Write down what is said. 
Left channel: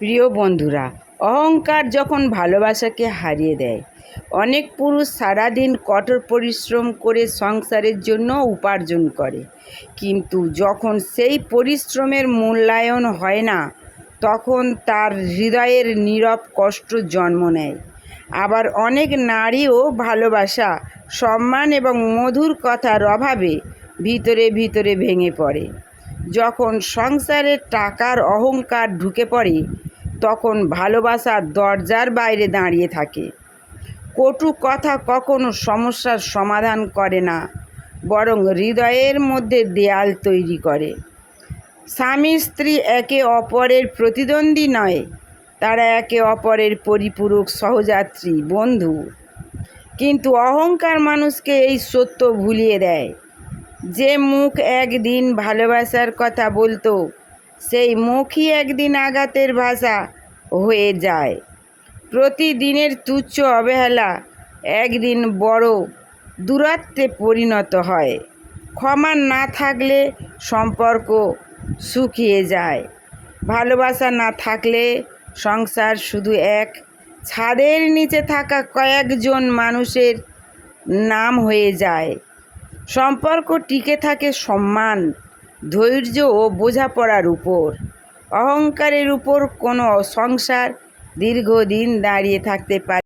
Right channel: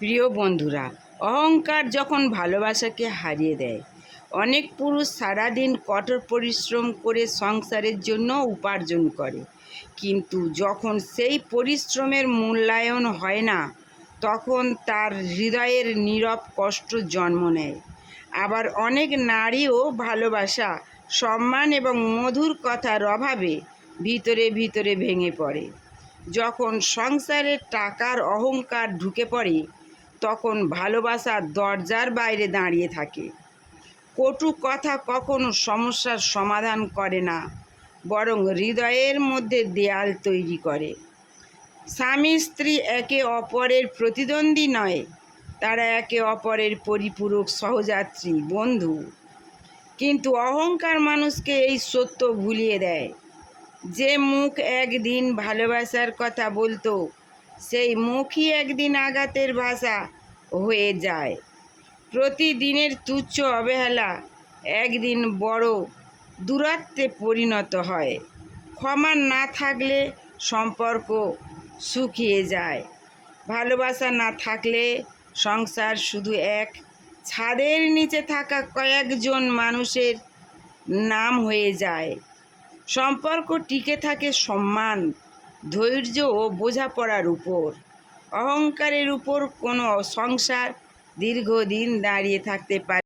প্রিয় বন্ধুরা, অহংকার যখন ভালোবাসাকে হারিয়ে দেয়। অনেক পুরুষ সারাদিন কঠোর পরিশ্রম করে সংসারের জন্য উপার্জন করে, কিন্তু যখন সেই পরিশ্রমের মূল্যায়ন হয় না, তখন তার হৃদয়ের নীরব কষ্ট জন্ম নেয়। আবার অনেক নারীও ভালোবাসা, সম্মান এবং মধুর কথার অভাবে ভিতরে ভিতরে ভেঙে পড়ে। যখন সংসারে টাকার অহংকার ঢুকে পড়ে, তখন ভালোবাসার দরজার বাইরে দাঁড়িয়ে থাকে। কটু কথা কখনো সমস্যার সমাধান করে না, বরং হৃদয়ের মধ্যে দেয়াল তৈরি করে। স্বামী স্ত্রী একে অপরের প্রতিদ্বন্দ্বী নয়, তারা একে অপরের পরিপূরক, সহযাত্রী, বন্ধু। কিন্তু অহংকার মানুষকে এই সত্য ভুলিয়ে দেয়। যে মুখ একদিন ভালোবাসার কথা বলতো, সেই মুখই একদিন আঘাতের ভাষা হয়ে যায়। প্রতিদিনের তুচ্ছ অবহেলা একদিন বড় দূরত্বে পরিণত হয়। ক্ষমা না থাকলে সম্পর্ক শুকিয়ে যায়। ভালোবাসা না থাকলে সংসার শুধু এক ছাদের নিচে থাকা কয়েকজন মানুষের নাম হয়ে যায়। সম্পর্ক টিকে থাকে সম্মান, ধৈর্য ও বোঝাপড়ার উপর। অহংকারের উপর কোনো সংসার দীর্ঘদিন দাঁড়িয়ে থাকতে পারে।